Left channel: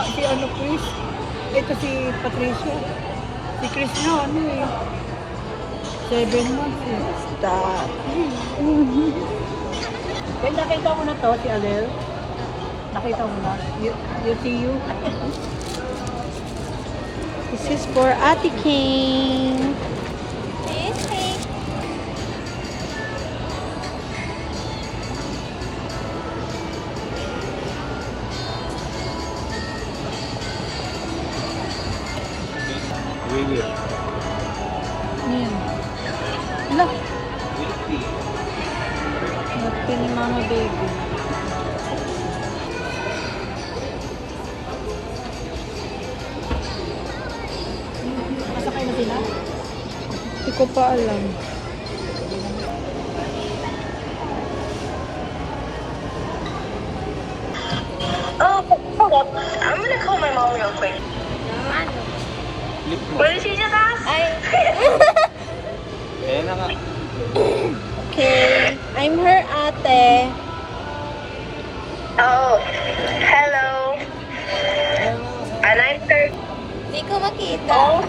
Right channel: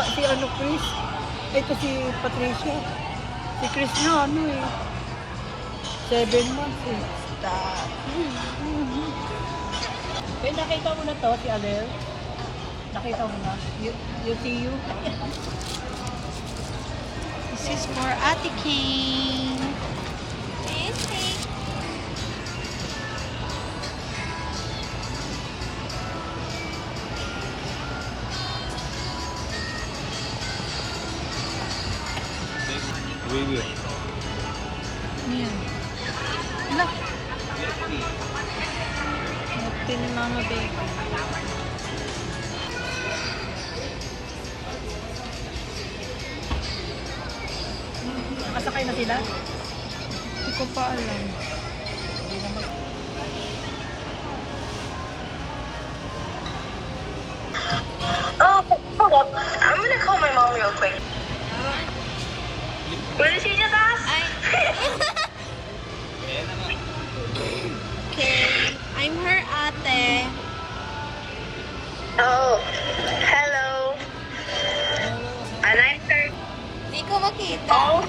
si ano, Chris. Ito si Patricia. Si Chris na, ano eh. 7 months eh. Stop. Well, nakita ko na to, si Anel. Nakita mo na. You see you. This is for Ate King. Ayan. Hala. Napti ni Mama Baby. Masakay na sila? Hindi ko pa alam. Oh, hold up. I'm gonna call my mom real quick. What did she just ask? Okay. I'm her ate. Oh, hello. And I'm third. Hindi ko makita. Oh,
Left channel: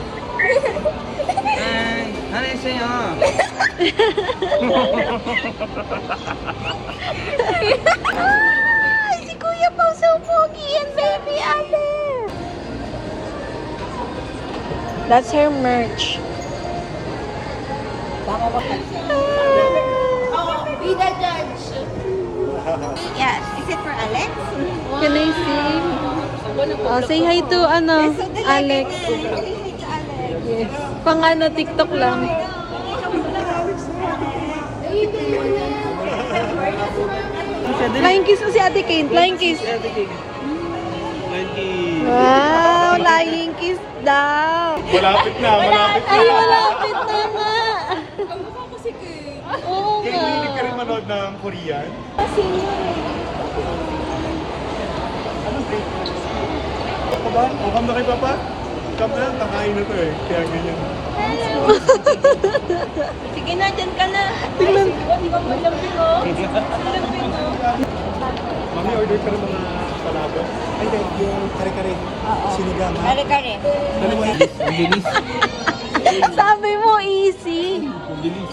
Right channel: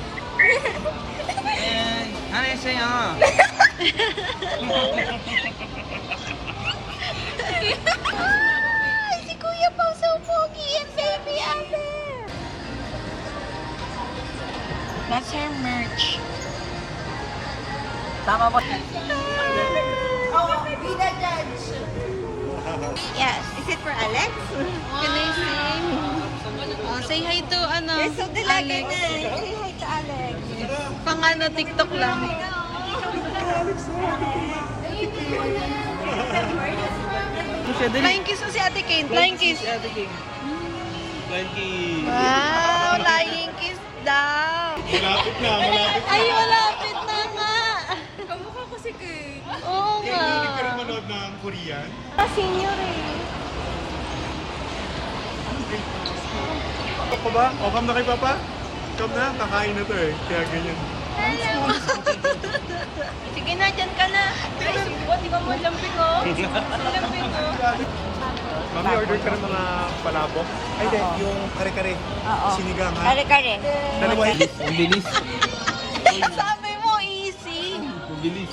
안녕하세요. Si Kuya Pao so pogi and baby ate. That's her merch. Tama ko. Be the judge. Yes. Is it for Alex? Can I see? Oh, say hi to Alex. Say hi to Alex. Yes. Pang TikTok lang. Flying kiss mo si Ate Kane. Flying kiss. Wow, flying kiss daw. Malapit na, malapit na. Ay, malapit na nga. Kamukha ko si Kay. Oo Kaya nga. hindi ka rin manood ng Korean? Senior eh. Ako ba? O, come na kay Papa? Come na, kakain na to eh. Kaya ganyan. Sige na, dyan ka na. Tingnan. Di ba mo lampin mo? Lampin mo. Mami, order ka rin mga palabok. Ay, hindi. Yung kare-kare. Sinigang, ha? Kare-kare. Dalawa yun. Ang bilis. Sabi mo, easy. Ang bilis.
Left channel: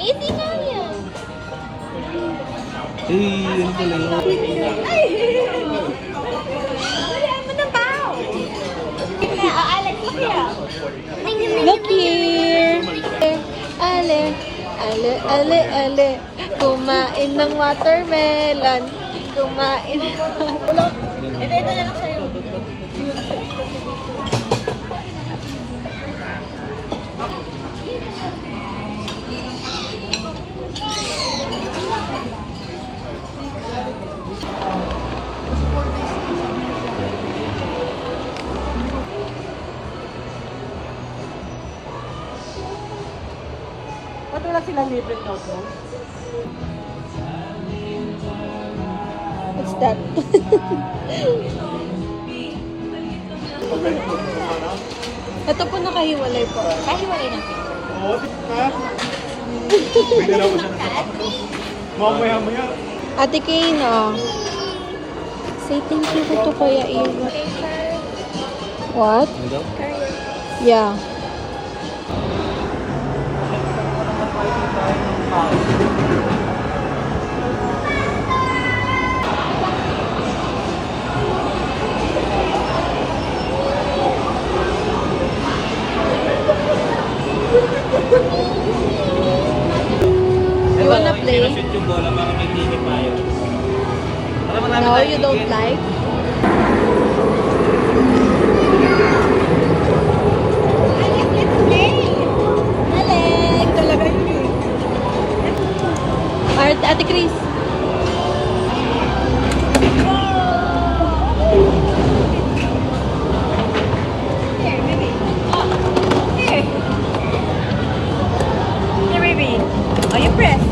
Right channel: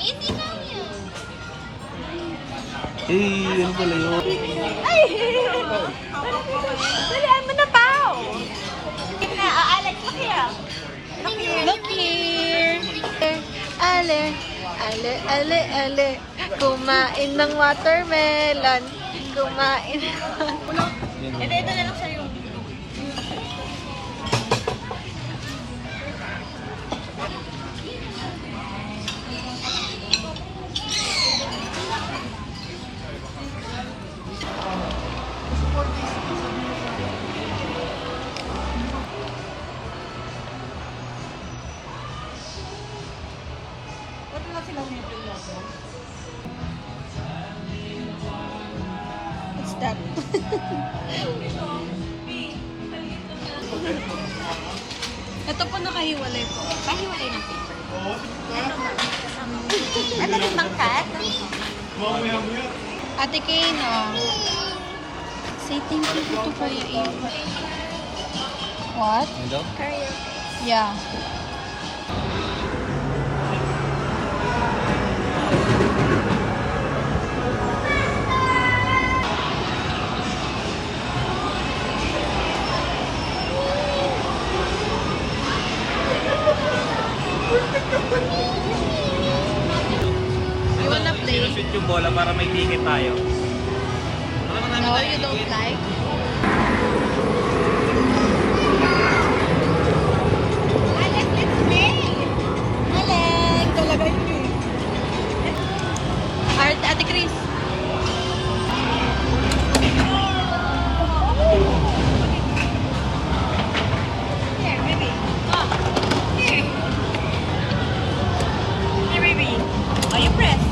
Easy na yun. Eh, ano pala yun? Ay! Dalihan mo na bao! Alex, look here. Look here. Ale, ale, ale, ale. Kumain ng watermelon. Kumain. Ito na lang sa'yo. Ba't wala silang libre noodles? What's that? Ito po nakahiwalay po. Kahiwalay na paper. Oo, ha? May dalawa na. Mamaya-maya. Ate Kina. Say thank you to Kuya Ian. What? Yeah. You wanna play? Shoot yung bola para may ticket tayo. No, you don't like? Ate Chris. Here, baby. Are you pressed?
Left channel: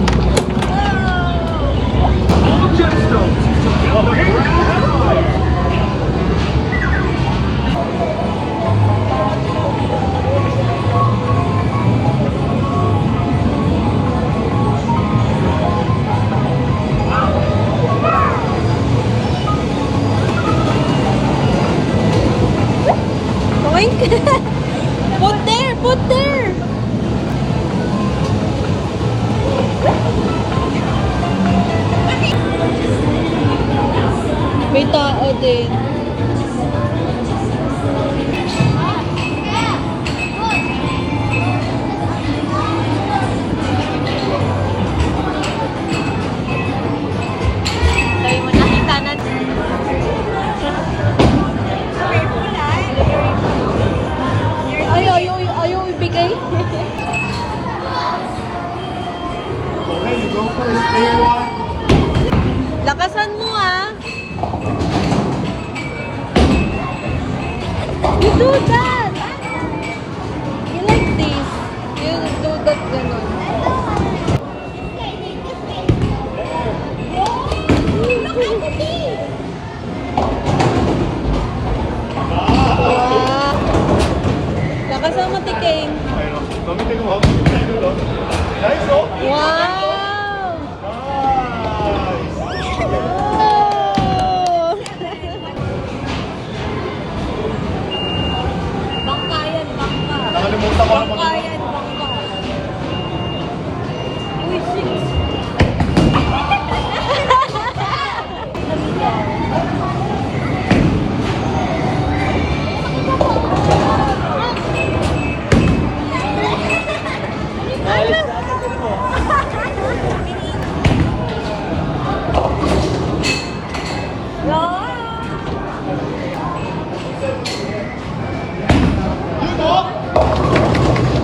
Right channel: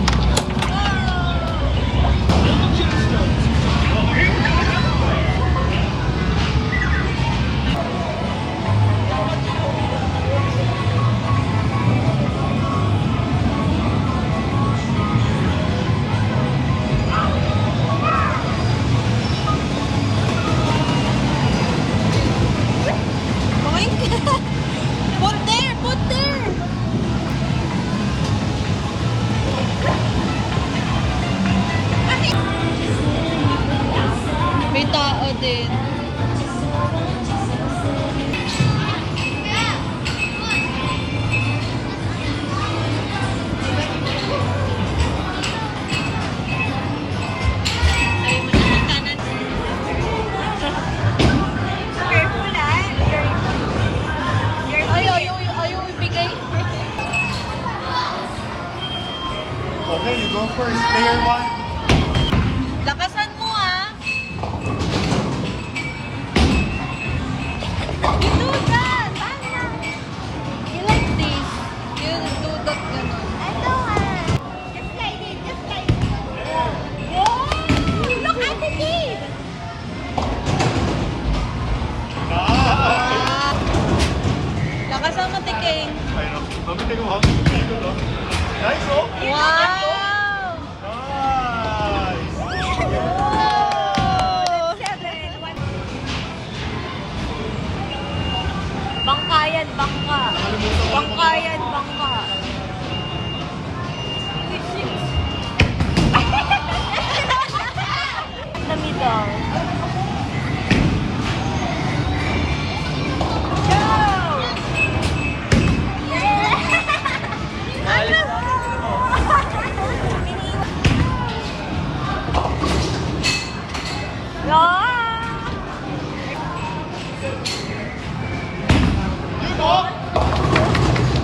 Okay, you go first. Player one. Lakasan mo ah. You do that. You like this. You do that gano'n. Look at the kid. Lakasan mo, Tiking. Ayun. Gamitin mo. Nice, oh. Wow! Bangka yan, bangka. Nakalimutan ko naman. Bangka yan, bangka. Namitaw.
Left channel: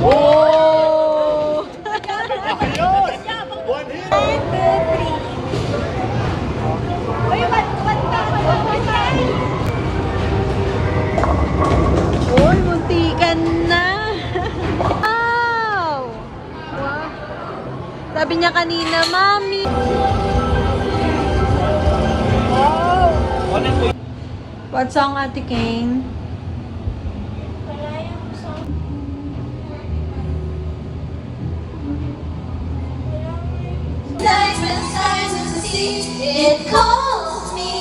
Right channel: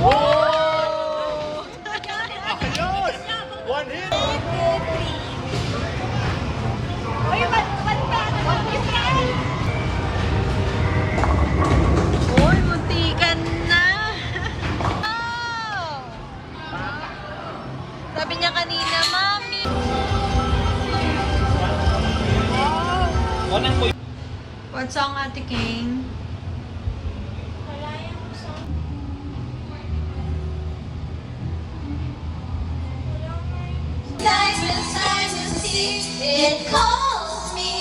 Oh! Ayos! One hit! Uy, muntikan na! Wow! Sabi niya kanina, Mami! What song, Ate Kane? It calls me.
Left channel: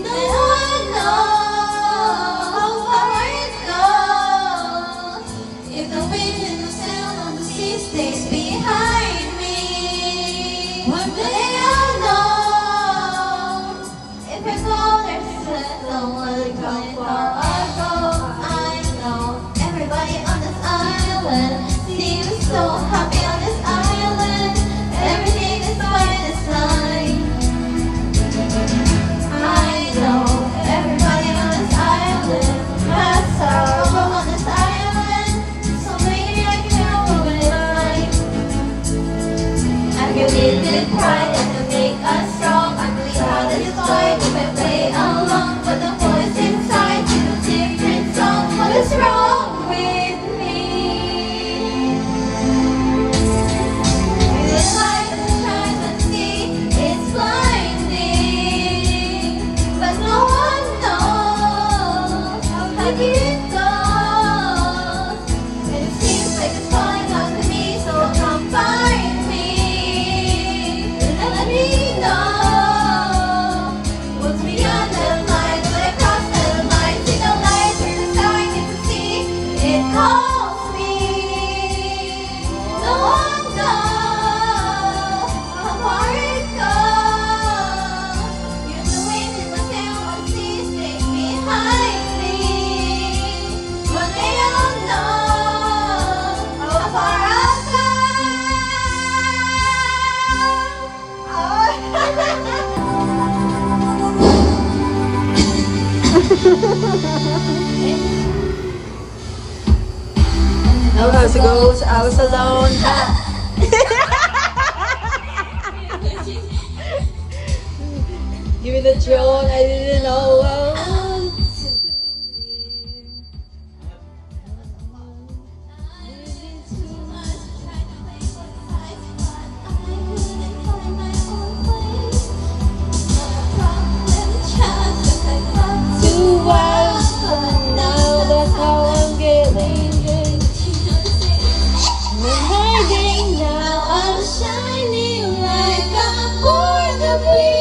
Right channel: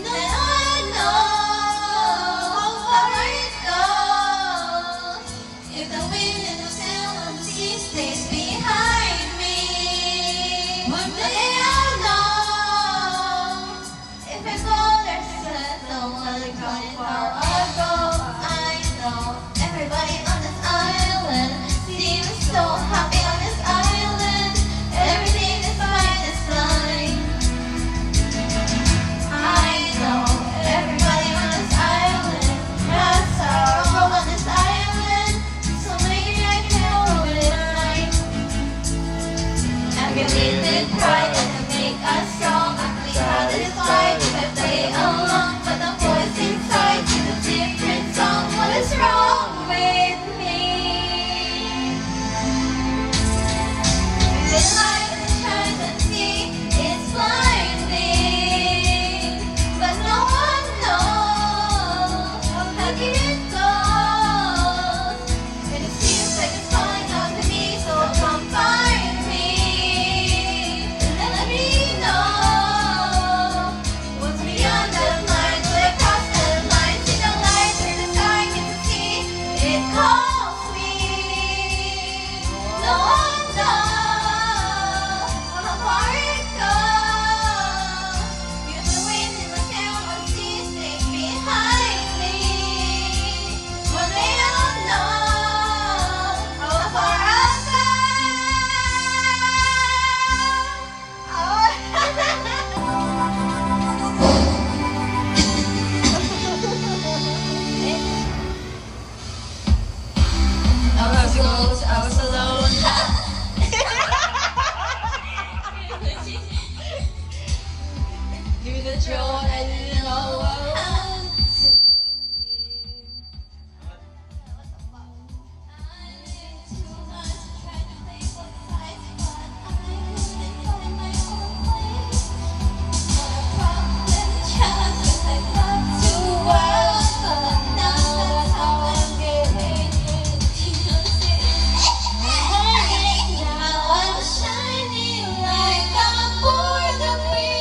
No one knows where it goes. If the wind and the sound on the sea stays behind me, one day I'll know. If it's long, there's someone coming for our goal. I know everybody on this island seems so happy on this island. Everything is fine, it's fine. I know everybody on this island has sorrow on this island. So maybe I can ruin it right. I can beat it pride and to make us strong. I believe how this fight if I play along. But the voice inside is a different song. What is wrong with me? The light that shines on me, it's blinding, but no one knows how deep it goes. And it seems like it's falling onto me, so come find me and let me know what's beyond the lines. When I cross the line, see the light in the sky, meet the sea. It calls me. No one knows how far it goes. You're the wind in the sail on the sea, stay behind me. One day I'll know how far I'll go. House goes out alone. Give me the throne, I didn't know. Now that's how I'm getting. Now I'm shining like I'm born to be.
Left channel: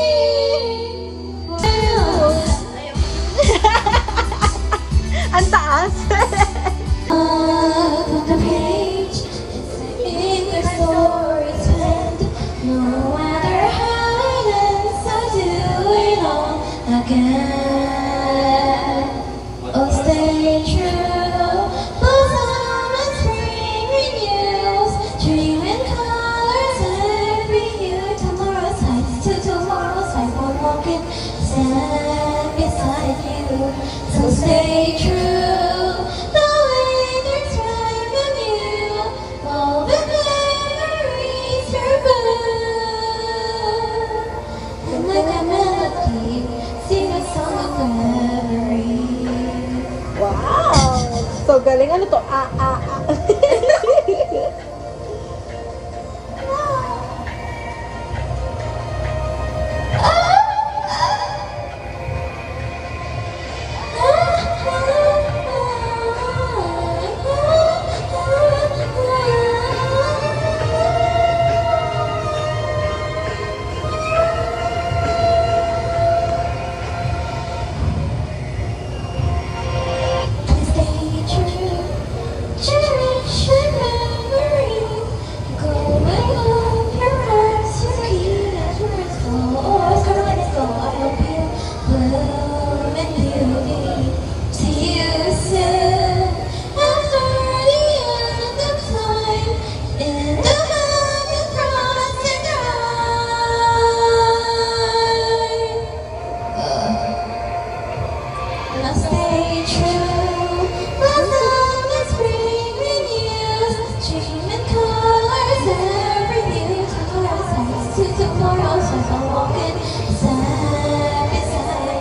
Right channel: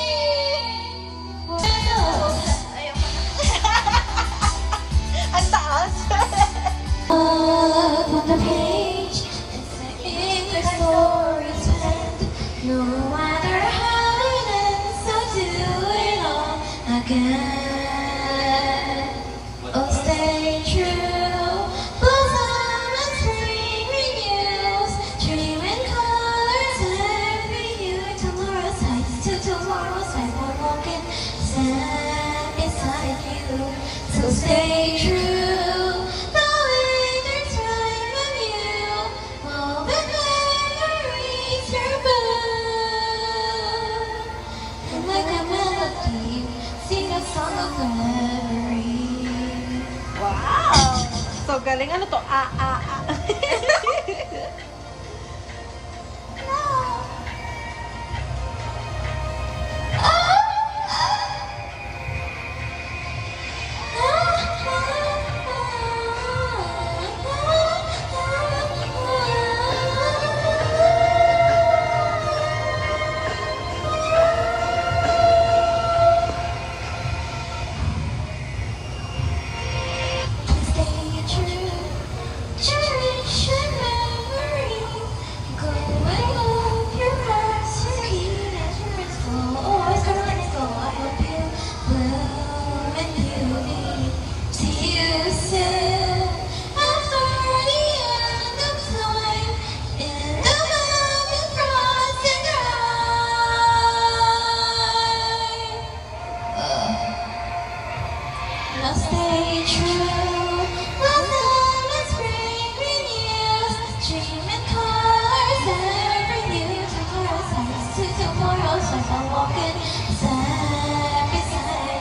dreaming cars every new tomorrows as I'm walking beside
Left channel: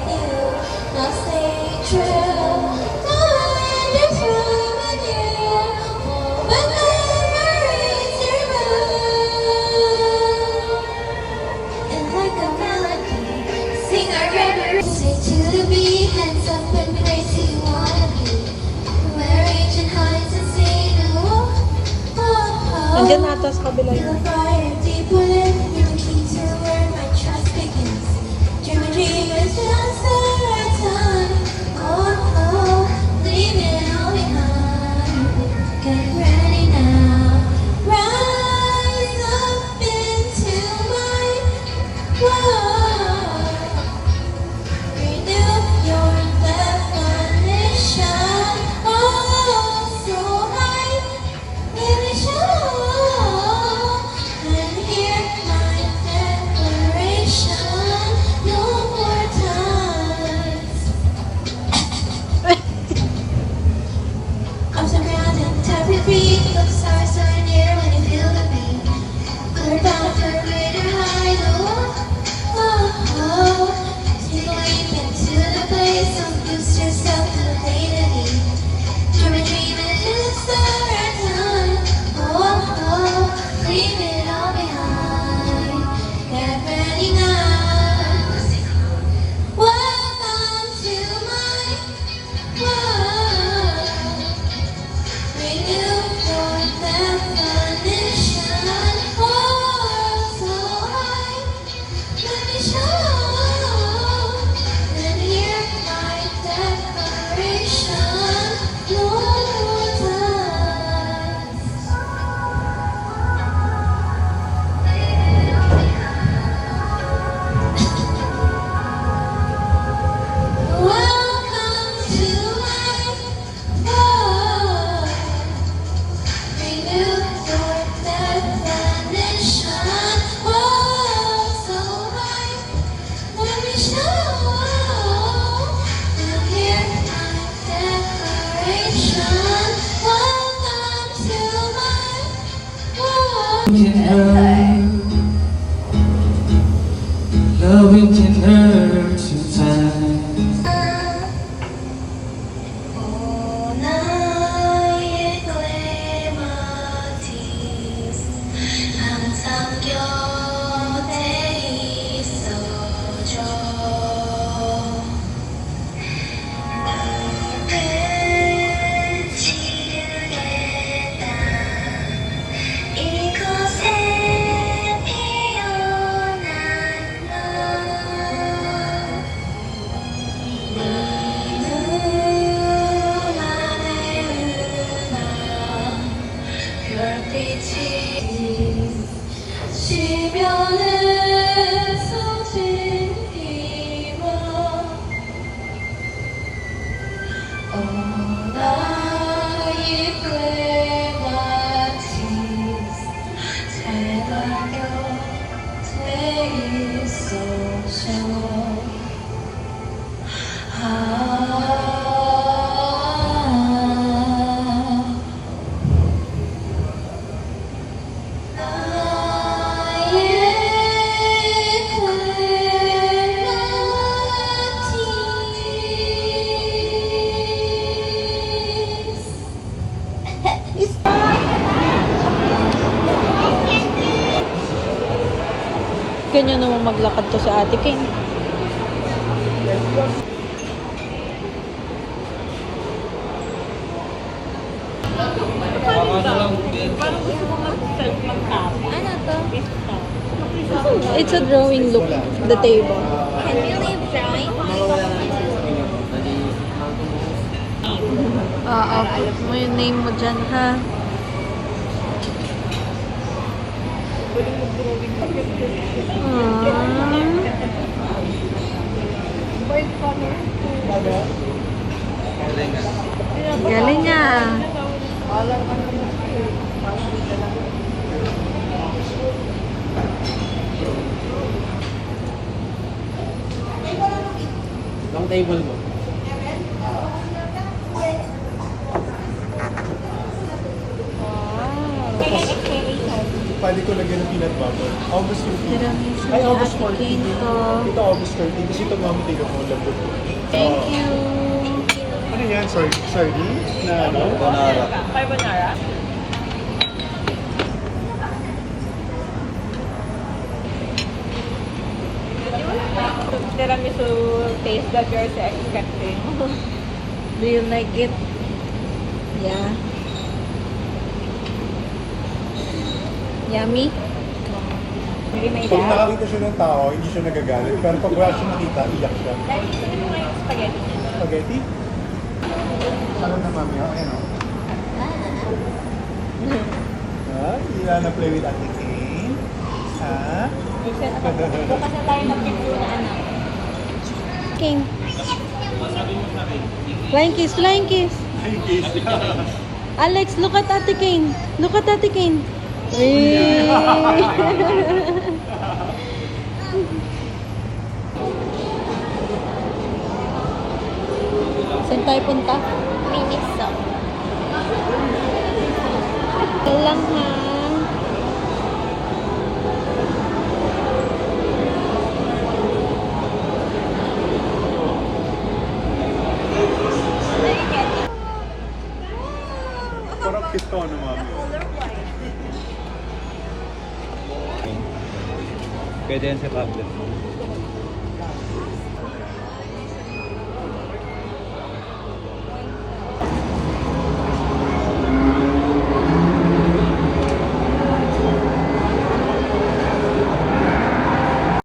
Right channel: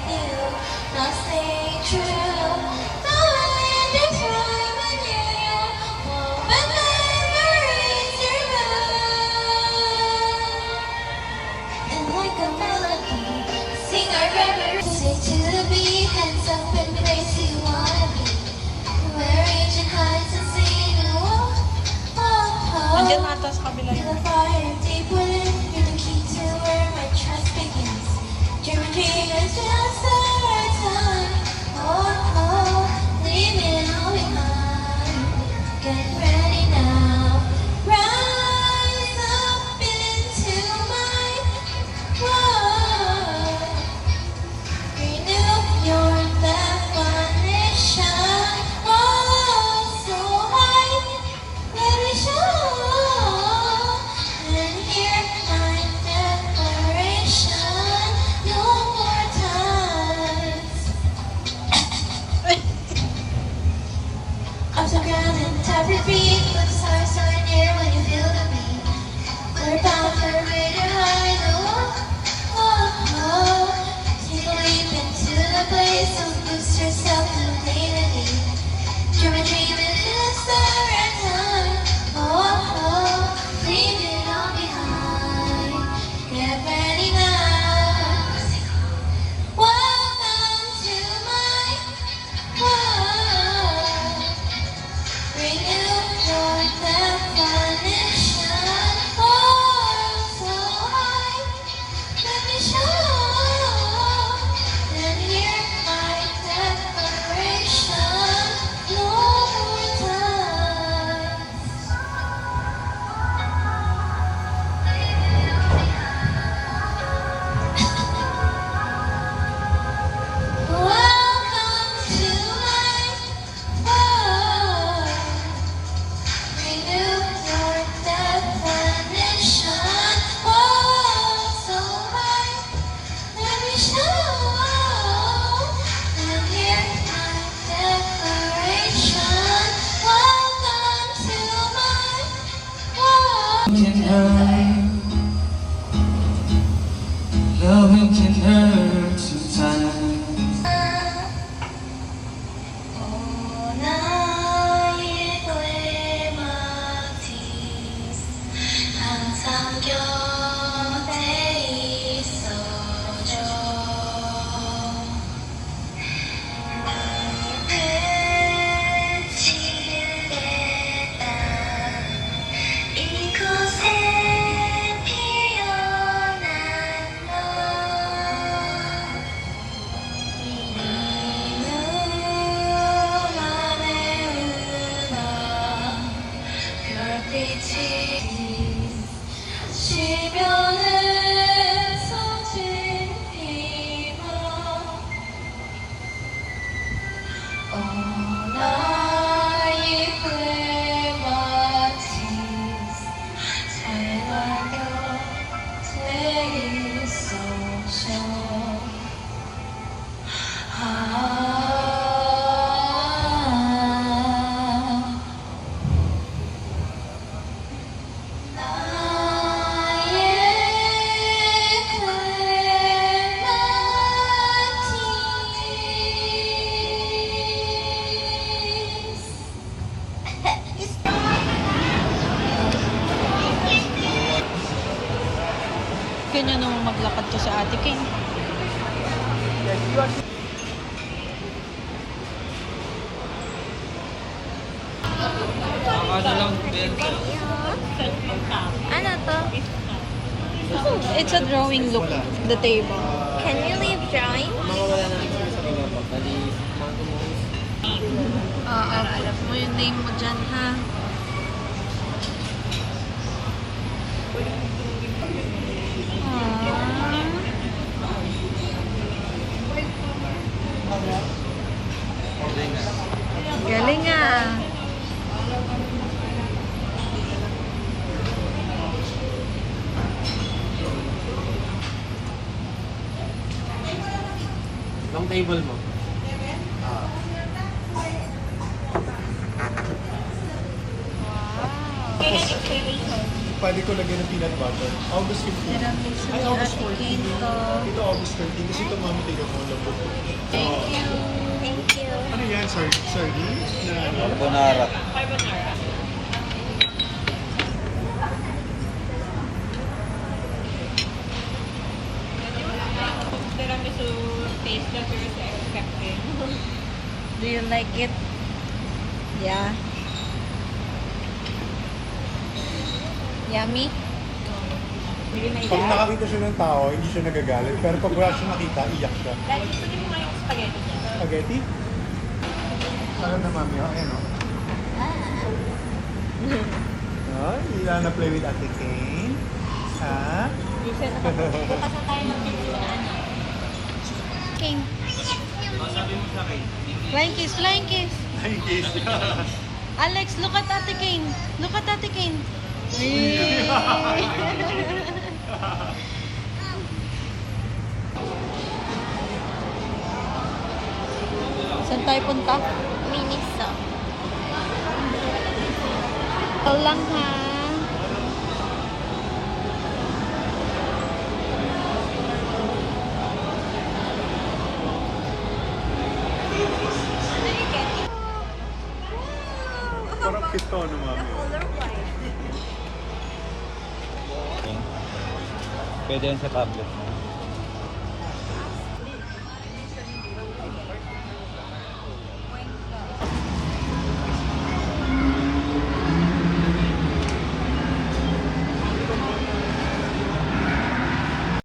you, not staying true. Knowing it's true when you're young, when memories are blue. And like a melody, sing our reverie, say to the beat, let's up and crazy wanna be. We're reaching heights and sing, oh, oh, oh. Andiyan nata sa kabila Feel yun. the fire deep within, you're the key to where my trust begins. Dreaming dreamers just our time, oh, oh, leave it all behind. Get ready now, rise up into my world. Renew your definition, oh, so high. Let me show and hear my declaration no more times. Arms around and tap your feet, but the stars are near when you feel the beat. Clear path for greater height, oh, oh, oh. To leap into the place of boost yourself to infinity. Dreaming, dreaming, it's our time. Oh, oh, leave it all behind. Get ready now. Welcome to my world. Renew your definition. Oh, so high. Let me show and hear my declaration no more times. Welcome to my world. Renew your definition. Oh, so high. Let me show and hear my declaration. Welcome to my world. Can hurt, loving can hurt sometimes. 나의 꿀맛이 항상 곁에 있어줘. 너는 지르겠다. 이곳에 피어난 너. 네 눈안에 흐르던 별빛이 주변을 소진이며 나의 꿀맛이 제발 곁에 있어줘. Ganyan naman maglakad to sa Ate King. Ano to? It's a drawing look, the table. Can you leave drawing? Alam mo yung name mo dyan, ha? Galing ah. Ang table mo. pwede ko lagyan ng peanut butter. August 15. Tiramisu Ay, ni August Ate 14. Kane ko. Ito August 13. Kasi ito mami, tignan mo, lambot ko. Thank you. Ano yan? Sardine? Na ano? Bonara. Tiramisu taste that you're expecting. Do you like it? Yeah. Yummy? Maybe may Pag dad. nakakita siya ng tao, hindi siya nagagalit. Pero pag wala siya nakita, iyak siya. Dahil gusto niyo nga yung spaghetti niya. Spaghetti? Alam na mami, oh. Ayan, oh. Ay, ila na play with Ate Kane. Ha? Bukas na tayo mag-picture na anak. Kane. Flying kiss, flying kiss. Ay, kiss. Alex, look at Ate Kane. Look at Ate Kane. Saan tayo punta? Miniso. Ito lang ha. Parang pisto, ano mami? Pwede yan sa tablet.